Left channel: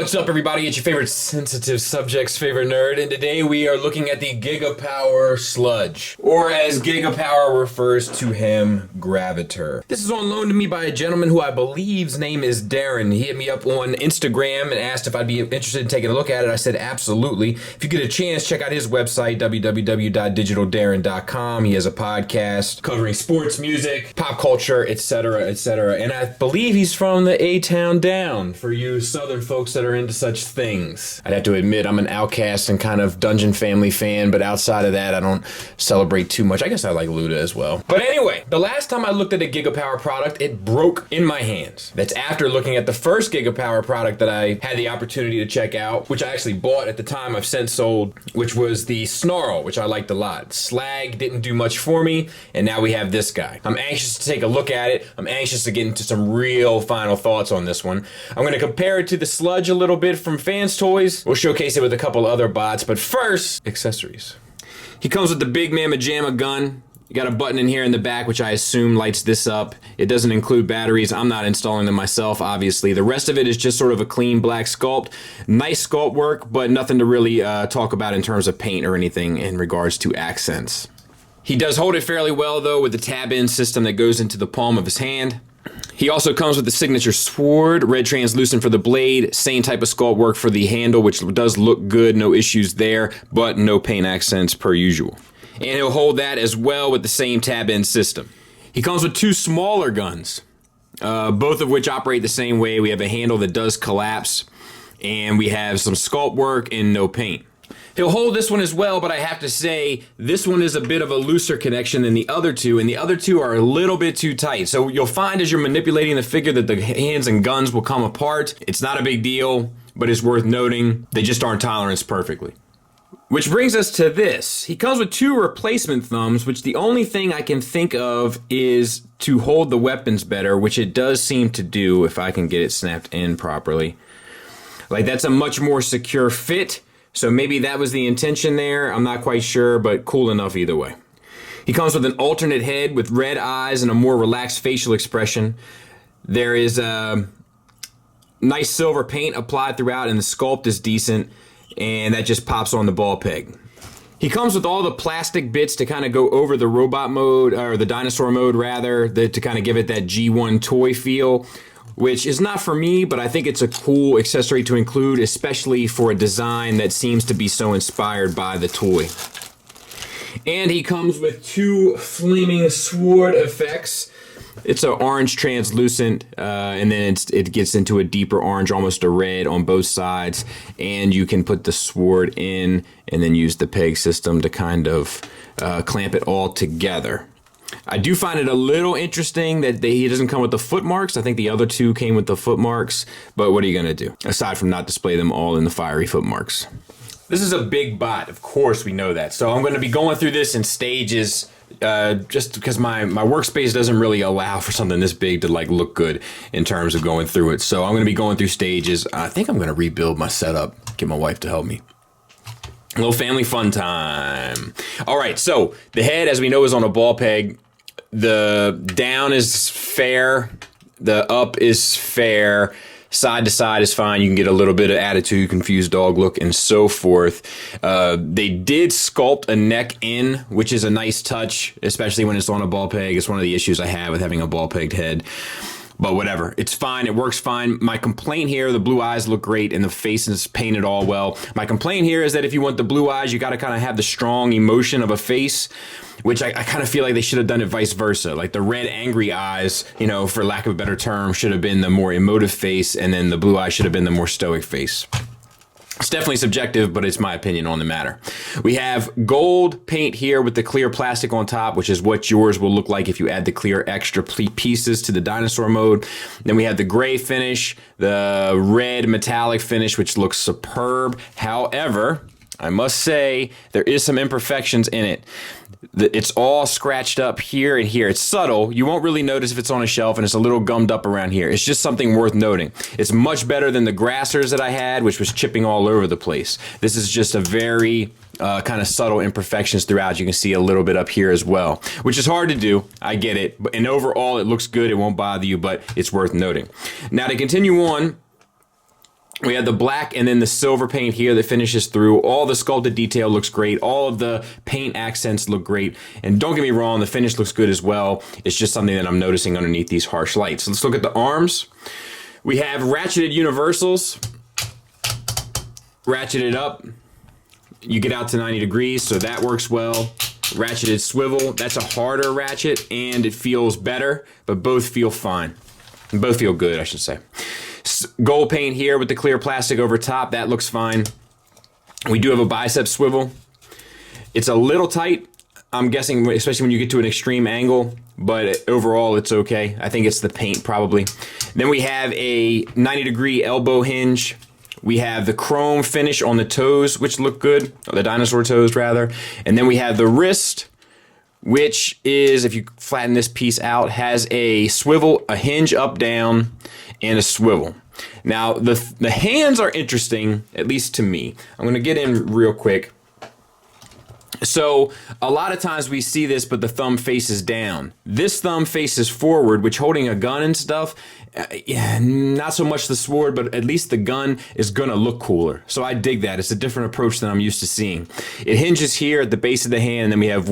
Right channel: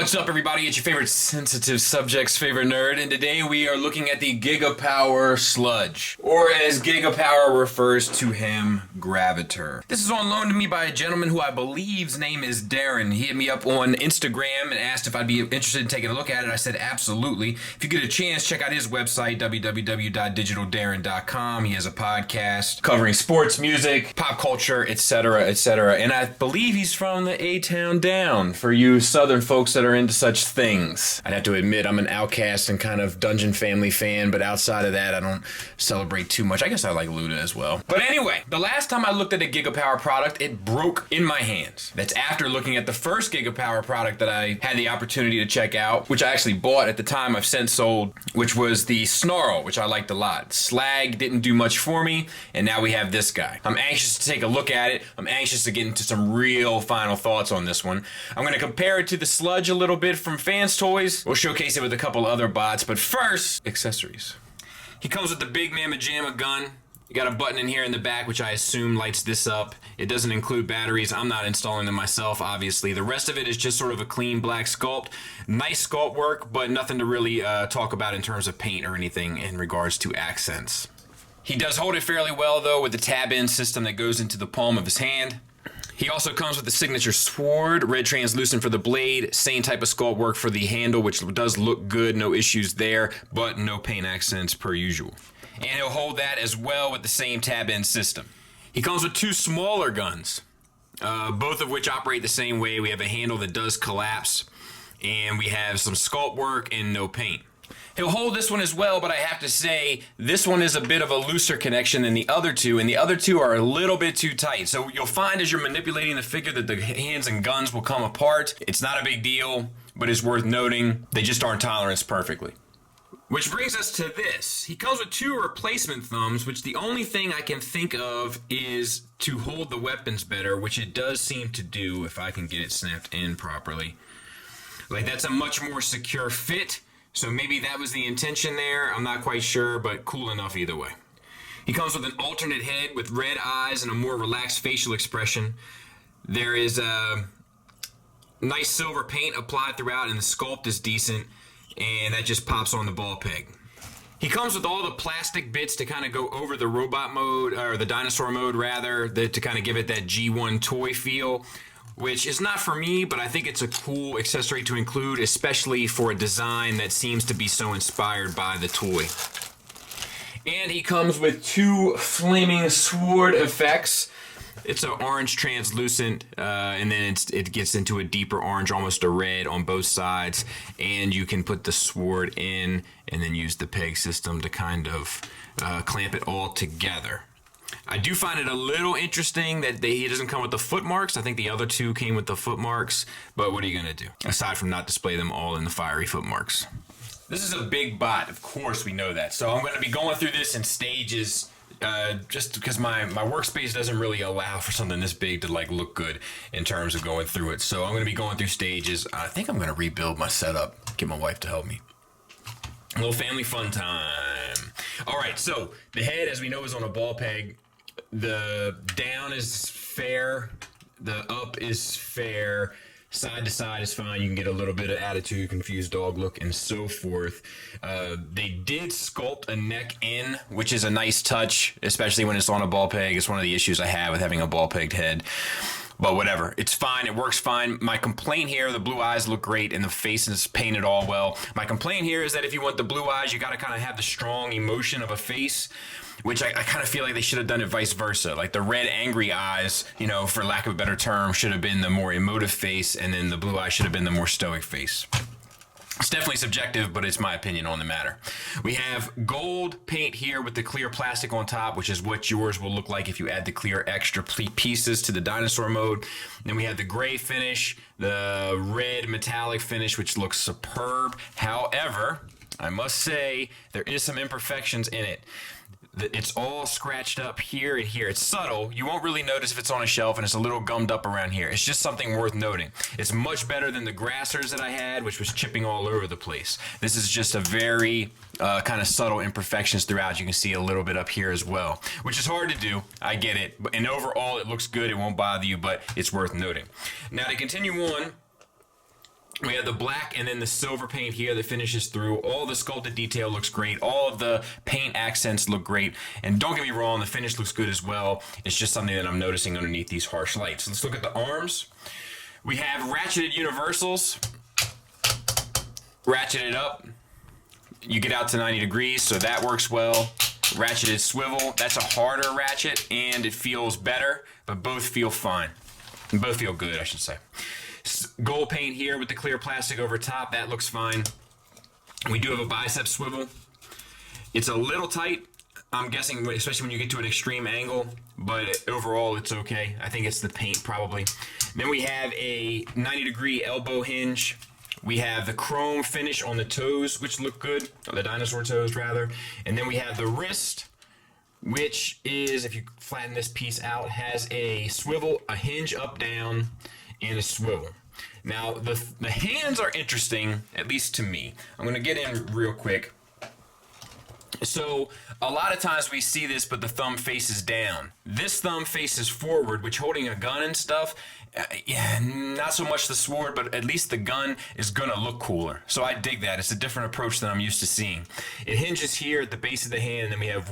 What's up, everybody? It's your favorite sensitive subject's favorite nerd, and today we are looking at the Gigapower Sludge, or as Gigapower refers to him, Gravitor. This is on loan to me by a gentleman who I believe's name is Darren. He hit me up on Instagram and asked if I'd be interested in taking a look at it. I said absolutely. If you get a chance, check out his website, www.digitaldarren.com. He has a podcast covering sports, music, pop culture, etc., etc. And I believe he's from the A-Town Down, for you Southern folks that are into such things. I'd have to admit I'm an Outcast and kind of Dungeon Family fan, but outside of that, I don't celebrate too much. I guess I like Luda as well. But anyway, the last time I looked at a Gigapower product, it broke in my hands. That's after looking at the first Gigapower product that I had the opportunity to check out, which I actually bought at the time, I've since sold, which was the Snarl, which I liked a lot. Slag didn't do much for me, and now we have this guy. I'm anxious to take a look at it. I'm anxious to get into some real final thoughts on this one. I'm going to compare it to the Sludge a little bit from Fans Toys. We'll showcase it with a couple other bots, but first, accessories. He comes with the Big Mamma Jamma gun. You got a button in here in the back, which I assume lights this up. It doesn't include batteries. I'm not installing them myself, obviously. The rest of it is just sort of a clean black sculpt. Nice sculpt work, but nothing to really talk about in terms of paint or anything in regards to accents. He does hold it fairly well, though, with the tab-in system that goes into the palm of his hand. He also comes with the signature sword, red translucent for the blade, same type of sculpt work for the handle, which does look good, no issues there, but no paint accents per usual. And he'll hold that as well with the same tab-in system. He comes with two smaller guns, both of which operate the same way. We have a handle that does collapse, and we have some sculpt work and no paint. He'll hold this one as well, but I have to say, this one is a bit of a looser connection than the other two, and the other two are a little bit too tight. So you'll find as you're manipulating the figure that the hands and guns will come apart. It's not a big deal, but it's worth noting. They just aren't toleranced perfectly. Which brings us to this. He comes with two replacement thumbs, which the only thing I can think of is to hold the weapons better, which it does seem to do if I can get it snapped in properly. Like, that's a much more secure fit. So maybe that was the intention there. I'm not quite sure, but cool enough either way. He comes with an alternate head with red eyes and a more relaxed facial expression. There is a nice silver paint applied throughout, and the sculpt is decent, and that just pops on the ball peg. He comes with all the plastic bits to kind of go over the robot mode, or the dinosaur mode rather, to kind of give it that G1 toy feel, which is not for me, but I think it's a cool accessory to include, especially for a design that seems to be so inspired by the toy. And he comes with two flaming sword effects. It's an orange translucent, and then it gets into a deeper orange, almost a red on both sides. And you can put the sword in and then use the peg system to kind of clamp it all together. I do find it a little interesting that he doesn't come with the foot marks. I think the other two came with the foot marks, but what are you going to do? Aside from not display them all in the fiery foot marks. This is a big bot, of course we know that. So I'm going to be going through this in stages, just because my workspace doesn't really allow for something this big to like look good in terms of going through it. So I'm going to be going through stages. I think I'm going to rebuild my setup, get my wife to help me. A little family fun time. All right, so the head, as we know, is on a ball peg. The down is fair. The up is fair. Side to side is fine. You can get a little bit of attitude, confused dog look, and so forth. They did sculpt a neck in, which is a nice touch, especially when it's on a ball peg. It's one of the issues I have with having a ball pegged head. But whatever, it's fine, it works fine. My complaint here, the blue eyes look great and the face is painted all well. My complaint here is that if you want the blue eyes, you gotta kind of have the strong emotion of a face, which I kind of feel like they should have done it vice versa. Like the red angry eyes, for lack of a better term, should have been the more emotive face, and then the blue eyes should have been the more stoic face. It's definitely subjective, but it's my opinion on the matter. We have gold paint here with the clear plastic on top, which is what yours will look like if you add the clear extra pieces to the dinosaur mode. Then we have the gray finish, the red metallic finish, which looks superb. However, I must say there is some imperfections in it. It's all scratched up here and here. It's subtle. You won't really notice if it's on a shelf, and it's a little gummed up around here. It's just something worth noting. It's much better than the Grassers that I had, which was chipping all over the place. This is just a very kind of subtle imperfections throughout. You can see a little bit up here as well, which is hard to do. I get it. And overall, it looks good. It won't bother you, but it's worth noting. Now, to continue on, We have the black and then the silver paint here that finishes through. All the sculpted detail looks great. All of the paint accents look great. And don't get me wrong, the finish looks good as well. It's just something that I'm noticing underneath these harsh lights. Let's look at the arms. We have ratcheted universals. Ratcheted up. You get out to 90 degrees, so that works well. Ratcheted swivel. That's a harder ratchet, and it feels better, but both feel fine. Both feel good, I should say. Gold paint here with the clear plastic over top. That looks fine. We do have a bicep swivel. It's a little tight, I'm guessing, especially when you get to an extreme angle, but overall it's okay. I think it's the paint probably. Then we have a 90-degree elbow hinge. We have the chrome finish on the toes, which look good, or the dinosaur toes rather. And then we have the wrist, which is, if you flatten this piece out, has a swivel, a hinge up, down, and a swivel. Now, the hands are interesting, at least to me. I'm going to get in real quick. So, a lot of times we see this, but the thumb faces down. This thumb faces forward, which holding a gun and stuff, not so much the sword, but at least the gun is gonna look cooler. So I dig that. It's a different approach than I'm used to seeing. It hinges here at the base of the hand, and then we have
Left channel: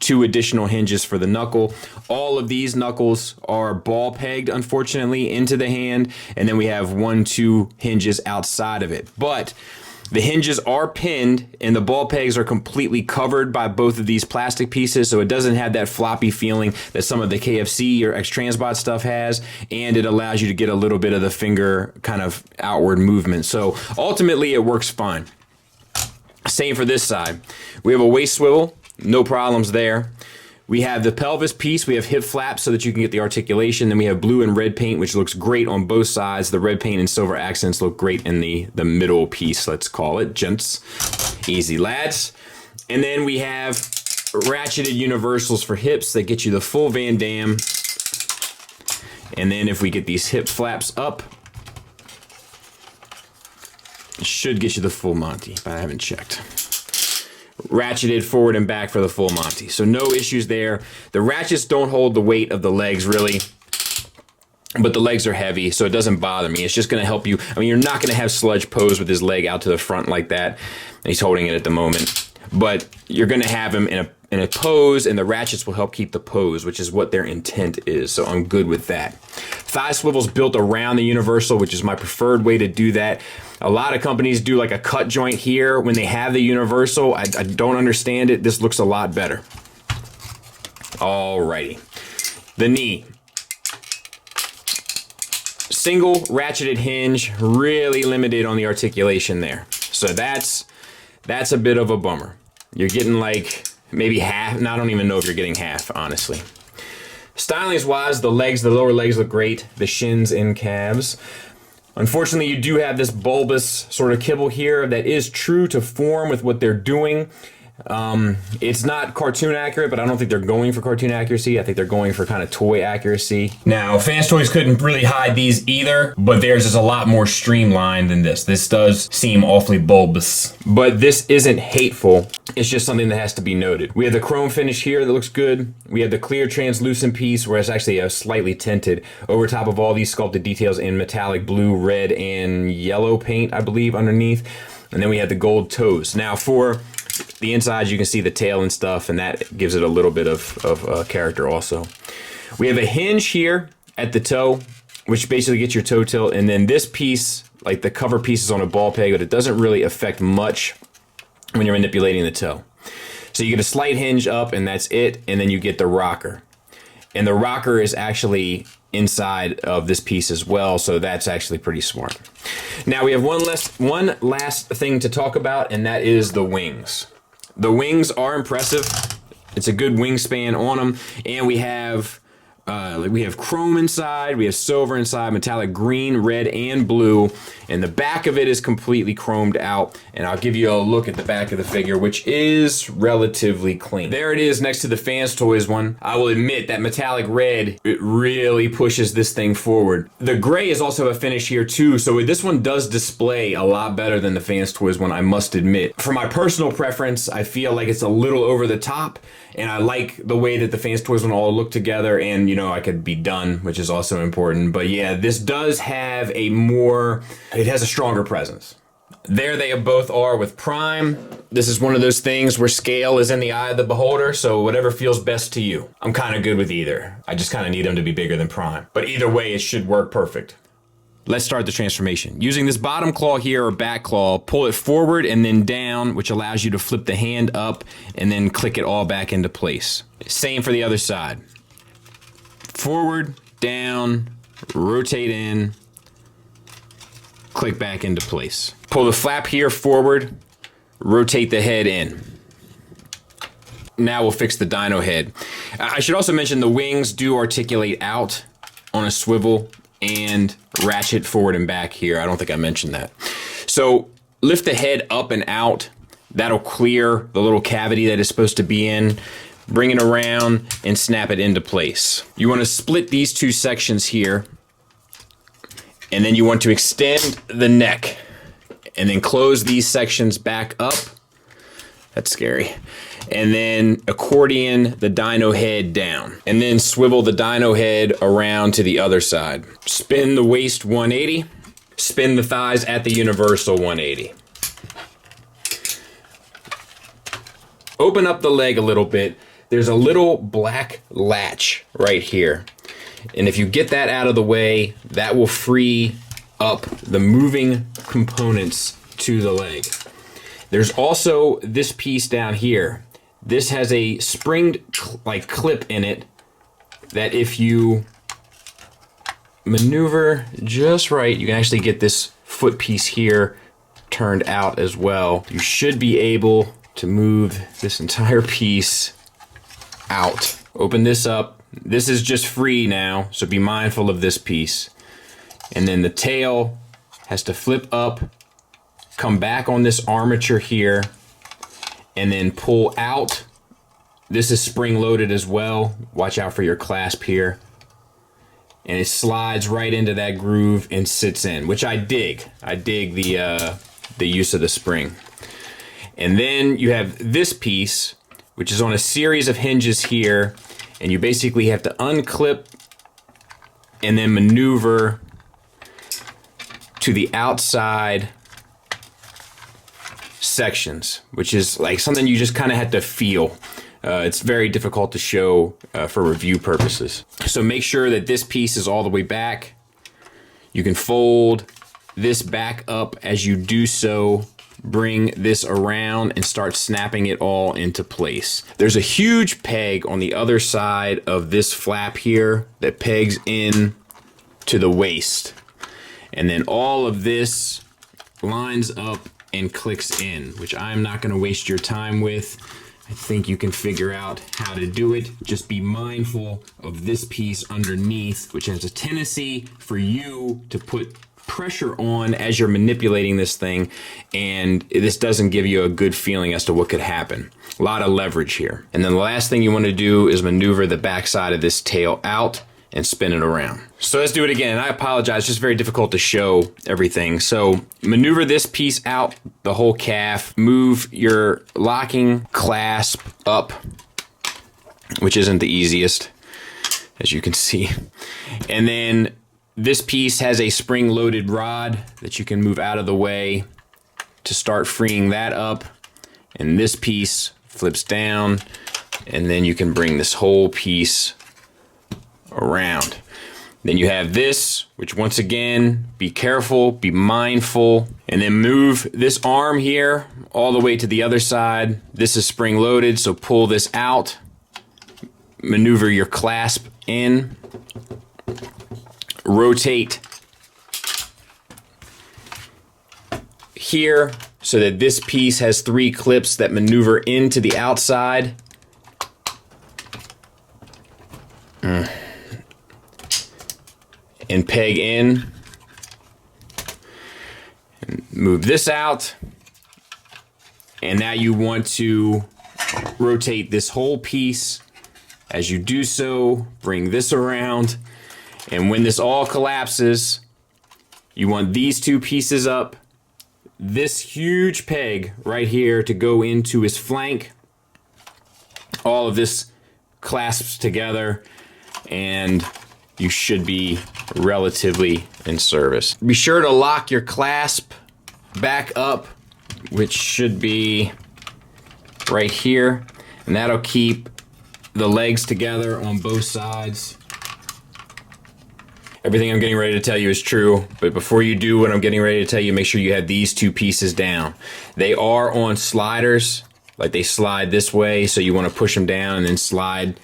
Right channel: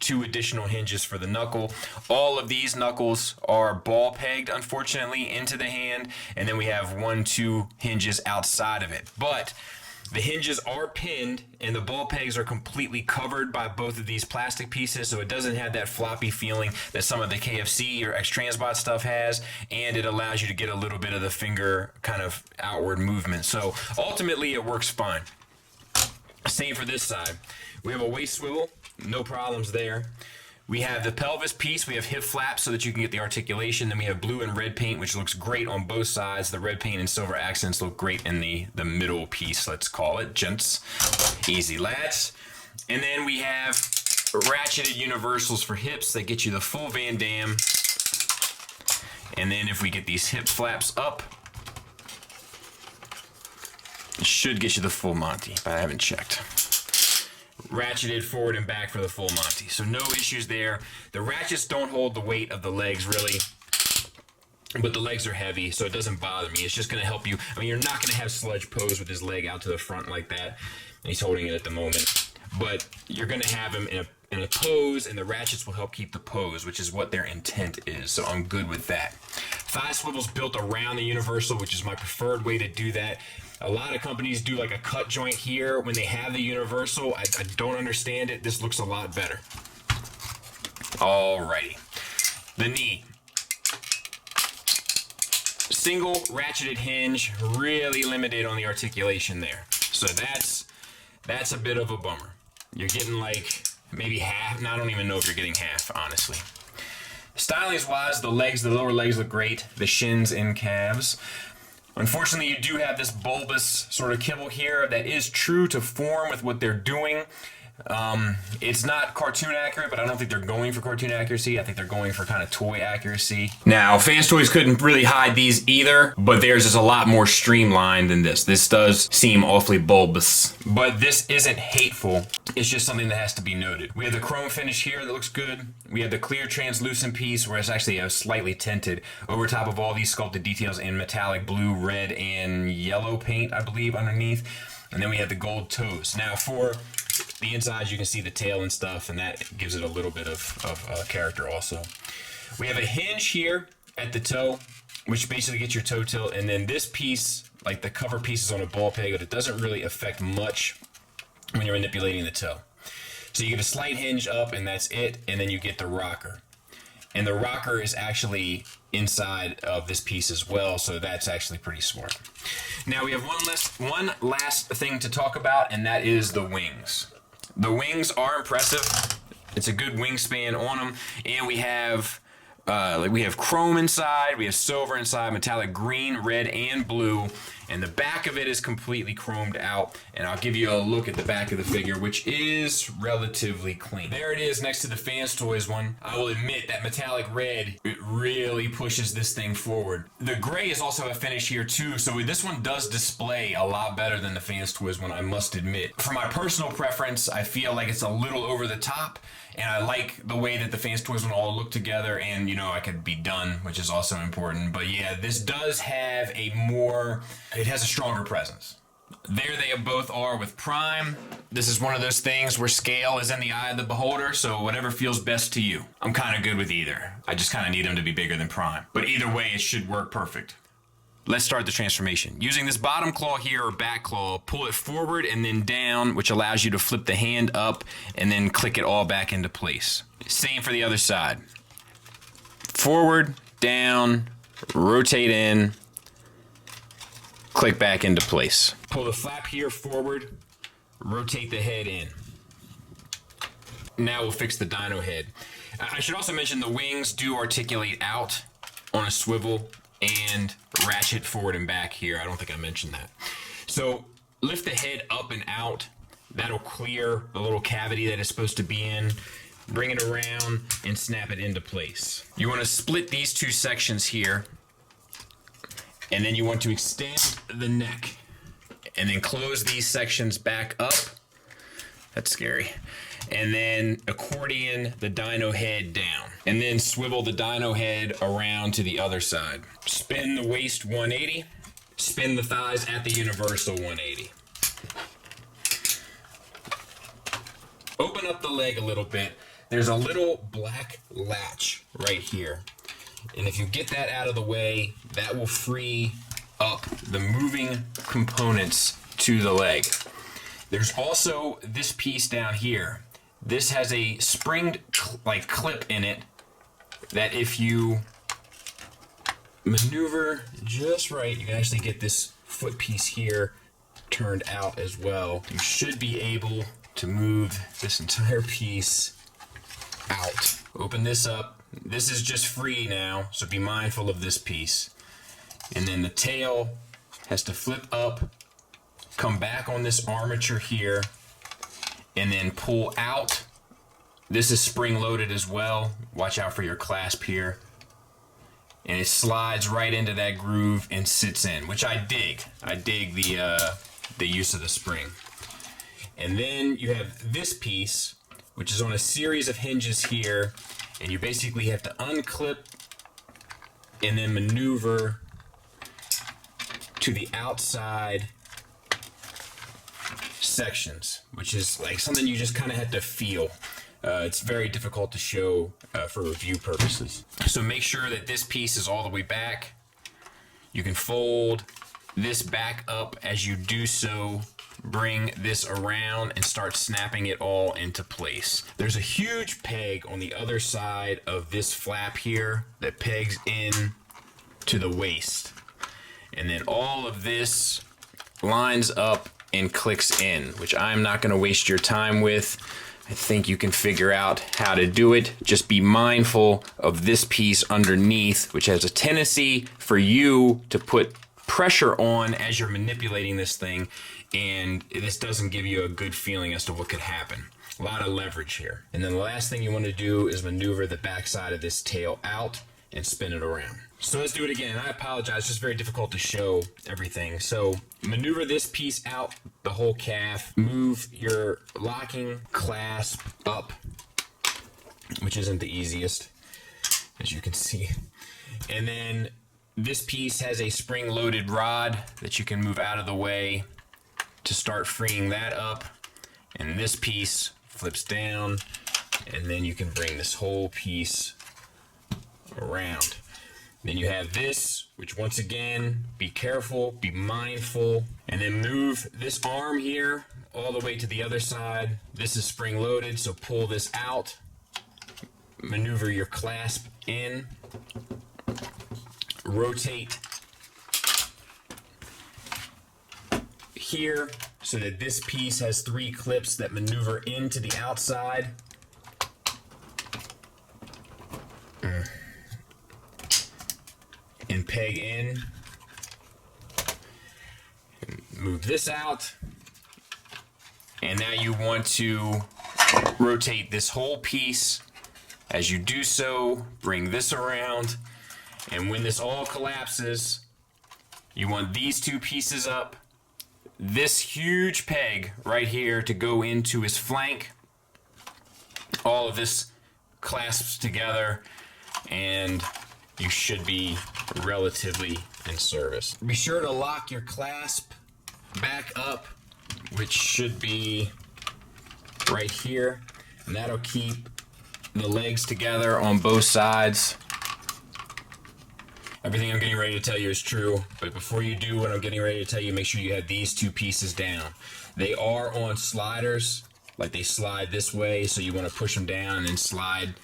2 additional hinges for the knuckle. All of these knuckles are ball pegged, unfortunately, into the hand, and then we have 2 hinges outside of it. But the hinges are pinned, and the ball pegs are completely covered by both of these plastic pieces, so it doesn't have that floppy feeling that some of the KFC or X-Transbot stuff has, and it allows you to get a little bit of the finger kind of outward movement. So ultimately, it works fine. Same for this side. We have a waist swivel, no problems there. We have the pelvis piece. We have hip flaps so that you can get the articulation. Then we have blue and red paint, which looks great on both sides. The red paint and silver accents look great in the middle piece, let's call it, gents. Easy, lads. And then we have ratcheted universals for hips that get you the full Van Damme. And then if we get these hip flaps up, it should get you the full Monty, but I haven't checked. Ratcheted forward and back for the full Monty. So no issues there. The ratchets don't hold the weight of the legs really, but the legs are heavy, so it doesn't bother me. It's just going to help you. I mean, you're not going to have Sludge pose with his leg out to the front like that. He's holding it at the moment, but you're going to have him in a pose, and the ratchets will help keep the pose, which is what their intent is. So I'm good with that. Thigh swivel's built around the universal, which is my preferred way to do that. A lot of companies do like a cut joint here when they have the universal. I don't understand it. This looks a lot better. Alrighty. The knee. Single ratcheted hinge, really limited on the articulation there. So that's a bit of a bummer. You're getting like maybe half. No, I don't even know if you're getting half, honestly. Stylings wise, the lower legs look great. The shins and calves. Unfortunately, you do have this bulbous sort of kibble here that is true to form with what they're doing. It's not cartoon accurate, but I don't think they're going for cartoon accuracy. I think they're going for kind of toy accuracy. Now, Fans Toys couldn't really hide these either, but theirs is a lot more streamlined than this. This does seem awfully bulbous, but this isn't hateful. It's just something that has to be noted. We have the chrome finish here that looks good. We have the clear translucent piece where it's actually slightly tinted over top of all these sculpted details in metallic blue, red, and yellow paint, I believe, underneath. And then we have the gold toes. Now for the insides, you can see the tail and stuff, and that gives it a little bit of character also. We have a hinge here at the toe, which basically gets your toe tilt, and then this piece, like the cover piece, is on a ball peg, but it doesn't really affect much when you're manipulating the toe. So you get a slight hinge up, and that's it, and then you get the rocker. And the rocker is actually inside of this piece as well, so that's actually pretty smart. Now we have one last thing to talk about, and that is the wings. The wings are impressive. It's a good wingspan on them, and we have chrome inside, we have silver inside, metallic green, red, and blue, and the back of it is completely chromed out, and I'll give you a look at the back of the figure, which is relatively clean. There it is next to the Fans Toys one. I will admit that metallic red, it really pushes this thing forward. The gray is also a finish here too, so this one does display a lot better than the Fans Toys one, I must admit. For my personal preference, I feel like it's a little over the top, and I like the way that the Fans Toys one all look together, and know I could be done, which is also important. But yeah, this does have it has a stronger presence. There they both are with Prime. This is one of those things where scale is in the eye of the beholder, so whatever feels best to you. I'm kind of good with either. I just kind of need them to be bigger than Prime. But either way, it should work perfect. Let's start the transformation. Using this bottom claw here, or back claw, pull it forward and then down, which allows you to flip the hand up and then click it all back into place. Same for the other side. Forward, down, rotate in, click back into place. Pull the flap here forward, rotate the head in. Now we'll fix the dyno head. I should also mention the wings do articulate out on a swivel and ratchet forward and back here. I don't think I mentioned that. So lift the head up and out. That'll clear the little cavity that it's supposed to be in. Bring it around and snap it into place. You want to split these two sections here, and then you want to extend the neck and then close these sections back up. That's scary. And then accordion the dyno head down, and then swivel the dyno head around to the other side. Spin the waist 180, spin the thighs at the universal 180. Open up the leg a little bit. There's a little black latch right here. And if you get that out of the way, that will free up the moving components to the leg. There's also this piece down here. This has a springed clip in it that if you maneuver just right, you can actually get this foot piece here turned out as well. You should be able to move this entire piece out. Open this up. This is just free now, so be mindful of this piece. And then the tail has to flip up, come back on this armature here, and then pull out. This is spring loaded as well. Watch out for your clasp here. And it slides right into that groove and sits in, which I dig. I dig the use of the spring. And then you have this piece, which is on a series of hinges here, and you basically have to unclip and then maneuver to the outside sections, which is like something you just kind of have to feel. It's very difficult to show for review purposes. So make sure that this piece is all the way back. You can fold this back up as you do so. Bring this around and start snapping it all into place. There's a huge peg on the other side of this flap here that pegs in to the waist. And then all of this lines up and clicks in, which I'm not going to waste your time with. I think you can figure out how to do it. Just be mindful of this piece underneath, which has a tendency for you to put pressure on as you're manipulating this thing, and this doesn't give you a good feeling as to what could happen. A lot of leverage here. And then the last thing you want to do is maneuver the backside of this tail out and spin it around. So let's do it again. I apologize, it's just very difficult to show everything. So maneuver this piece out, the whole calf, move your locking clasp up, which isn't the easiest, as you can see. And then this piece has a spring-loaded rod that you can move out of the way to start freeing that up. And this piece flips down, and then you can bring this whole piece around. Then you have this, which once again, be careful, be mindful, and then move this arm here all the way to the other side. This is spring-loaded, so pull this out, maneuver your clasp in, rotate here so that this piece has 3 clips that maneuver into the outside. And peg in. And move this out. And now you want to rotate this whole piece. As you do so, bring this around. And when this all collapses, you want these 2 pieces up, this huge peg right here to go into his flank. All of this clasps together, and you should be relatively in service. Be sure to lock your clasp back up, which should be right here, and that'll keep the legs together on both sides. Everything I'm getting ready to tell you is true, but before you do what I'm getting ready to tell you, make sure you have these two pieces down. They are on sliders, like they slide this way, so you want to push them down and then slide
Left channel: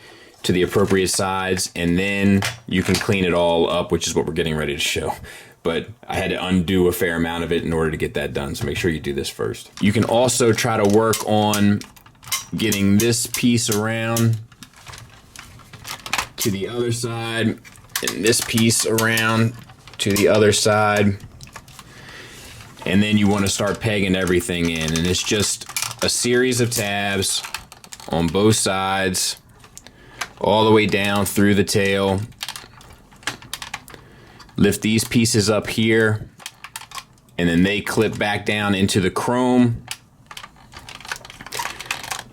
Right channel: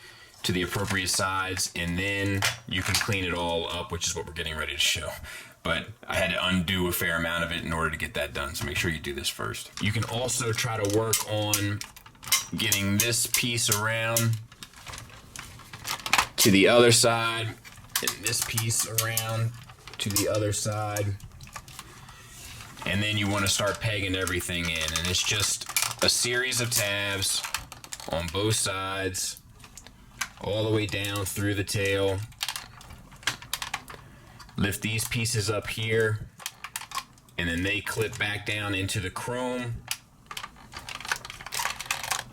to the appropriate sides, and then you can clean it all up, which is what we're getting ready to show. But I had to undo a fair amount of it in order to get that done, so make sure you do this first. You can also try to work on getting this piece around to the other side, and this piece around to the other side, and then you want to start pegging everything in, and it's just a series of tabs on both sides all the way down through the tail. Lift these pieces up here, and then they clip back down into the chrome,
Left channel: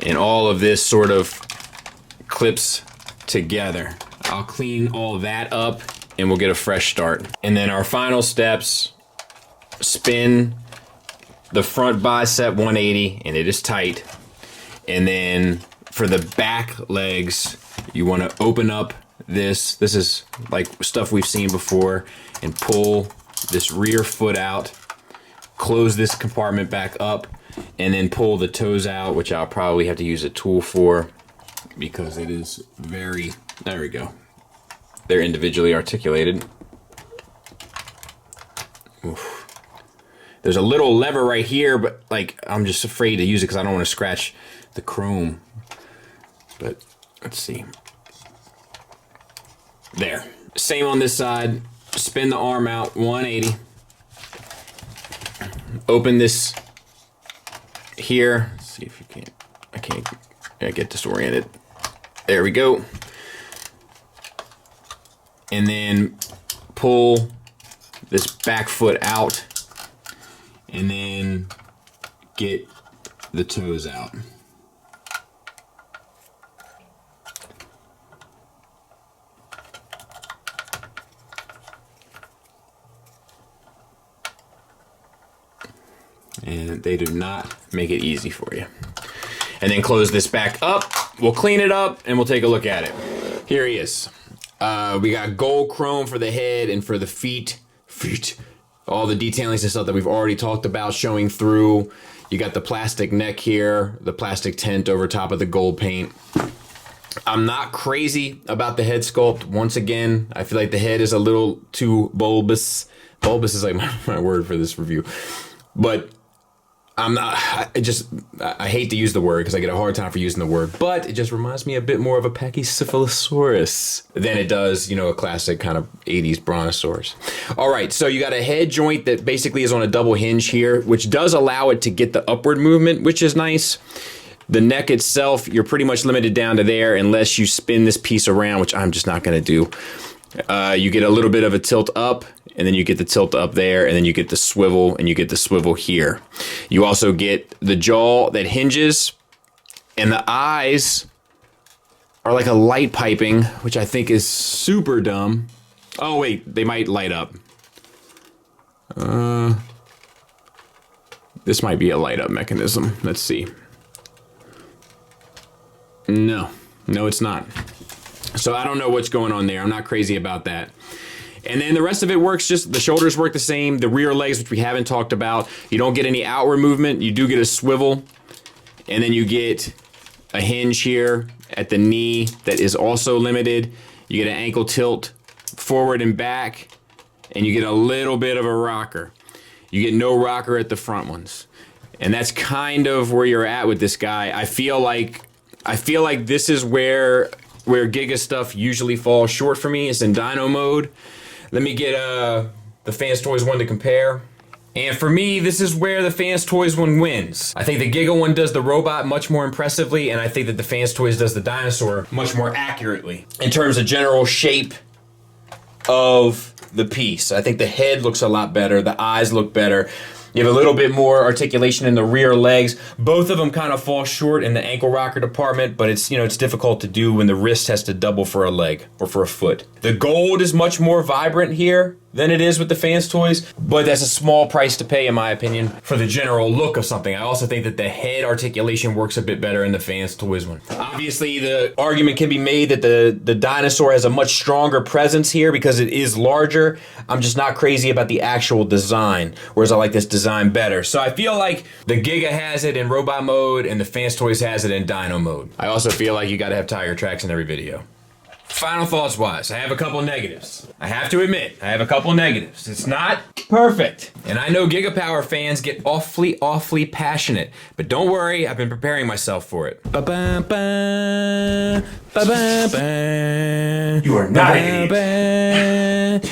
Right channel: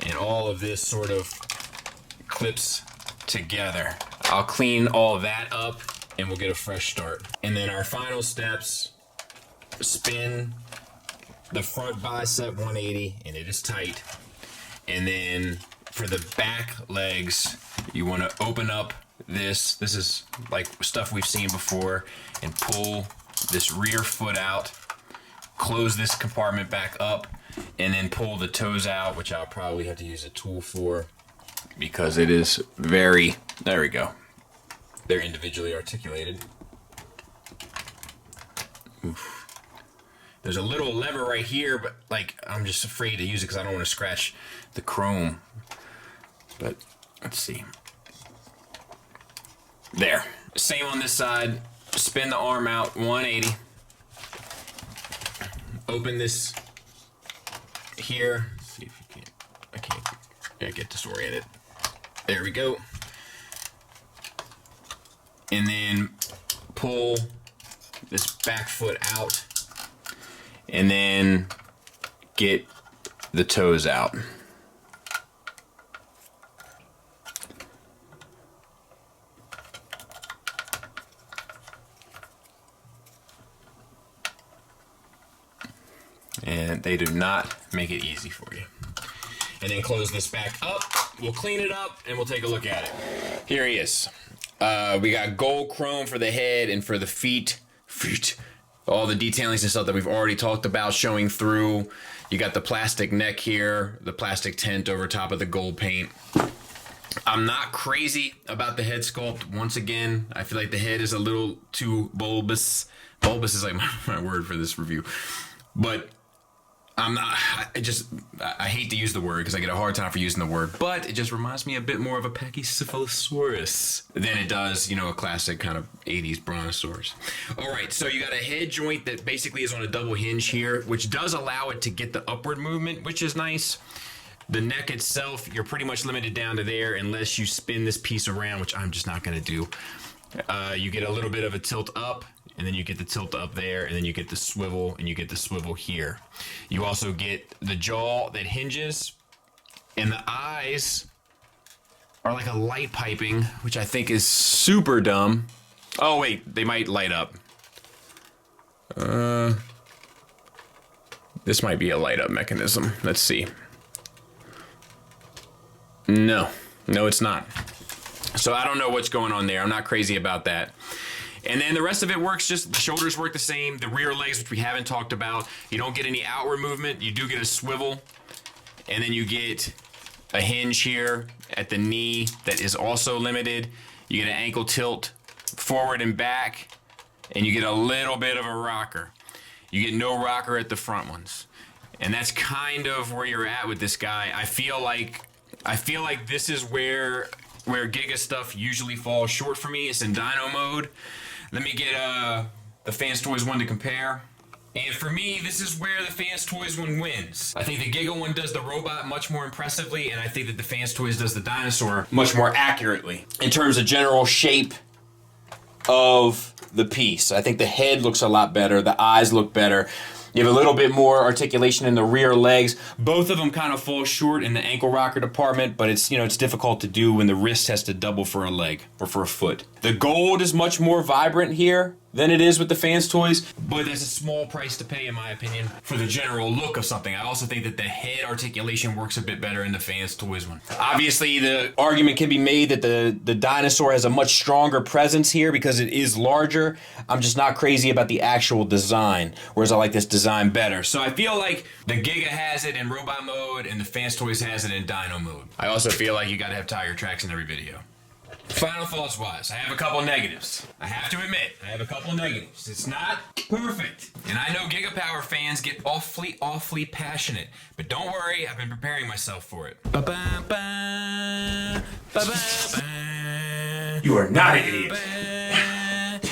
and all of this sort of clips together. I'll clean all that up and we'll get a fresh start. And then our final steps: spin the front bicep 180, and it is tight. And then for the back legs, you want to open up this. This is like stuff we've seen before, and pull this rear foot out, close this compartment back up, and then pull the toes out, which I'll probably have to use a tool for because it is very, there we go. They're individually articulated. Oof. There's a little lever right here, but like I'm just afraid to use it because I don't want to scratch the chrome. But let's see. There. Same on this side. Spin the arm out 180. Open this here. Let's see if you can't. I can't get disoriented. There we go. And then pull this back foot out, and then get the toes out. And they do not make it easy for you. And then close this back up. We'll clean it up and we'll take a look at it. Here he is. We got gold chrome for the head and for the feet. All the detailings and stuff that we've already talked about showing through. You got the plastic neck here, the plastic tent over top of the gold paint. I'm not crazy about the head sculpt. Once again, I feel like the head is a little too bulbous. Bulbous is like my word for this review. But I'm not, I hate to use the word because I get a hard time for using the word, but it just reminds me a bit more of a Pachycephalosaurus than it does, you know, a classic kind of 80s brontosaurus. All right, so you got a head joint that basically is on a double hinge here, which does allow it to get the upward movement, which is nice. The neck itself, you're pretty much limited down to there unless you spin this piece around, which I'm just not going to do. You get a little bit of a tilt up, and then you get the tilt up there, and then you get the swivel, and you get the swivel here. You also get the jaw that hinges, and the eyes are like a light piping, which I think is super dumb. Oh wait, they might light up. This might be a light up mechanism. Let's see. No, it's not. So I don't know what's going on there. I'm not crazy about that. And then the rest of it works, just the shoulders work the same. The rear legs, which we haven't talked about, you don't get any outward movement. You do get a swivel. And then you get a hinge here at the knee that is also limited. You get an ankle tilt forward and back. And you get a little bit of a rocker. You get no rocker at the front ones. And that's kind of where you're at with this guy. I feel like this is where Giga stuff usually falls short for me. It's in dyno mode. Let me get the Fans Toys one to compare. And for me, this is where the Fans Toys one wins. I think the Giga one does the robot much more impressively, and I think that the Fans Toys does the dinosaur much more accurately. In terms of general shape of the piece, I think the head looks a lot better, the eyes look better. You have a little bit more articulation in the rear legs. Both of them kind of fall short in the ankle rocker department, but it's difficult to do when the wrist has to double for a leg or for a foot. The gold is much more vibrant here than it is with the Fans toys, but that's a small price to pay in my opinion for the general look of something. I also think that the head articulation works a bit better in the Fans toys one. Obviously, the argument can be made that the dinosaur has a much stronger presence here because it is larger. I'm just not crazy about the actual design, whereas I like this design better. So I feel like the Giga has it in robot mode and the Fans toys has it in dino mode. I also feel like you gotta have tire tracks in every video. Final thoughts wise, I have a couple negatives. I have to admit, I have a couple negatives. It's not perfect. And I know Giga Power fans get awfully passionate. But don't worry, I've been preparing myself for it. You are not an idiot.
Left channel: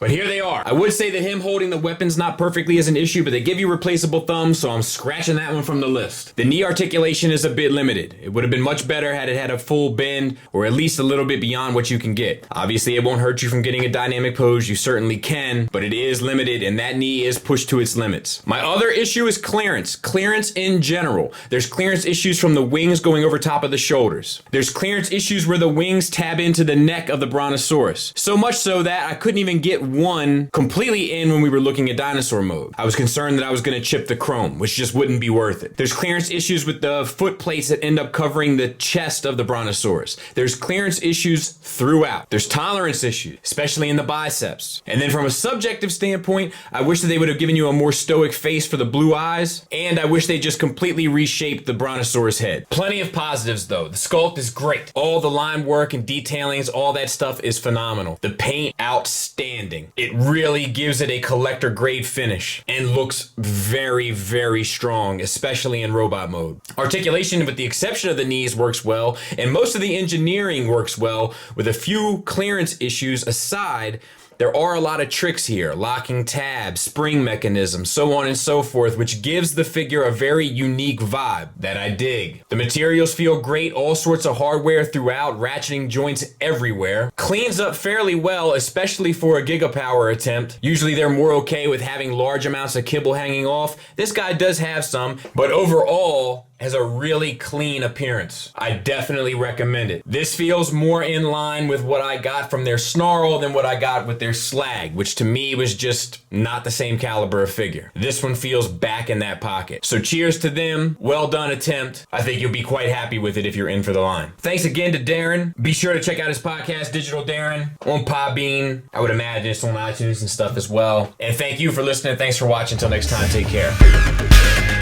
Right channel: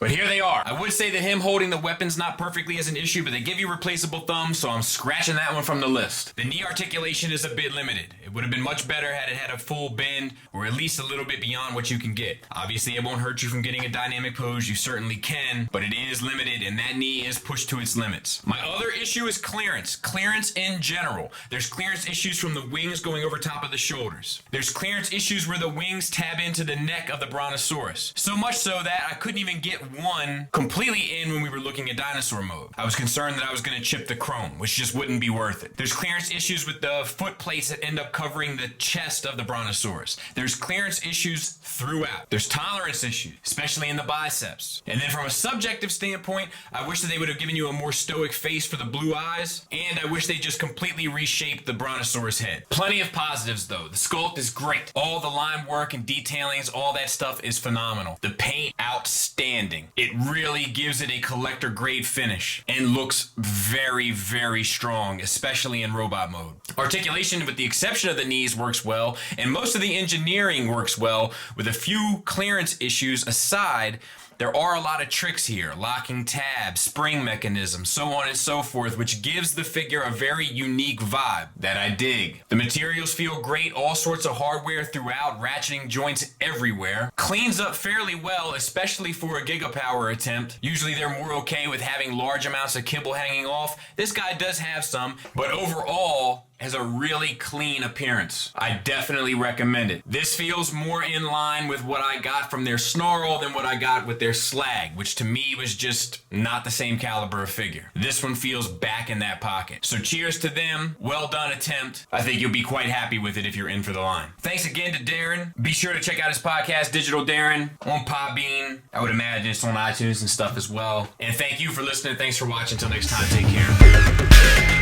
But here they are. I would say that him holding the weapons not perfectly is an issue, but they give you replaceable thumbs, so I'm scratching that one from the list. The knee articulation is a bit limited. It would have been much better had it had a full bend, or at least a little bit beyond what you can get. Obviously, it won't hurt you from getting a dynamic pose, you certainly can, but it is limited, and that knee is pushed to its limits. My other issue is clearance. Clearance in general. There's clearance issues from the wings going over top of the shoulders. There's clearance issues where the wings tab into the neck of the Brontosaurus. So much so that I couldn't even get one completely in when we were looking at dinosaur mode. I was concerned that I was going to chip the chrome, which just wouldn't be worth it. There's clearance issues with the foot plates that end up covering the chest of the Brontosaurus. There's clearance issues throughout. There's tolerance issues, especially in the biceps. And then from a subjective standpoint, I wish that they would have given you a more stoic face for the blue eyes, and I wish they just completely reshaped the Brontosaurus head. Plenty of positives though. The sculpt is great. All the line work and detailings, all that stuff is phenomenal. The paint, outstanding. It really gives it a collector grade finish and looks very strong, especially in robot mode. Articulation, with the exception of the knees, works well, and most of the engineering works well. With a few clearance issues aside, there are a lot of tricks here, locking tabs, spring mechanisms, so on and so forth, which gives the figure a very unique vibe that I dig. The materials feel great, all sorts of hardware throughout, ratcheting joints everywhere. Cleans up fairly well, especially for a Giga Power attempt. Usually they're more okay with having large amounts of kibble hanging off. This guy does have some, but overall, has a really clean appearance. I definitely recommend it. This feels more in line with what I got from their Snarl than what I got with their Slag, which to me was just not the same caliber of figure. This one feels back in that pocket. So cheers to them. Well done attempt. I think you'll be quite happy with it if you're in for the line. Thanks again to Darren. Be sure to check out his podcast, Digital Darren, on Podbean. I would imagine it's on iTunes and stuff as well. And thank you for listening. Thanks for watching. Until next time, take care.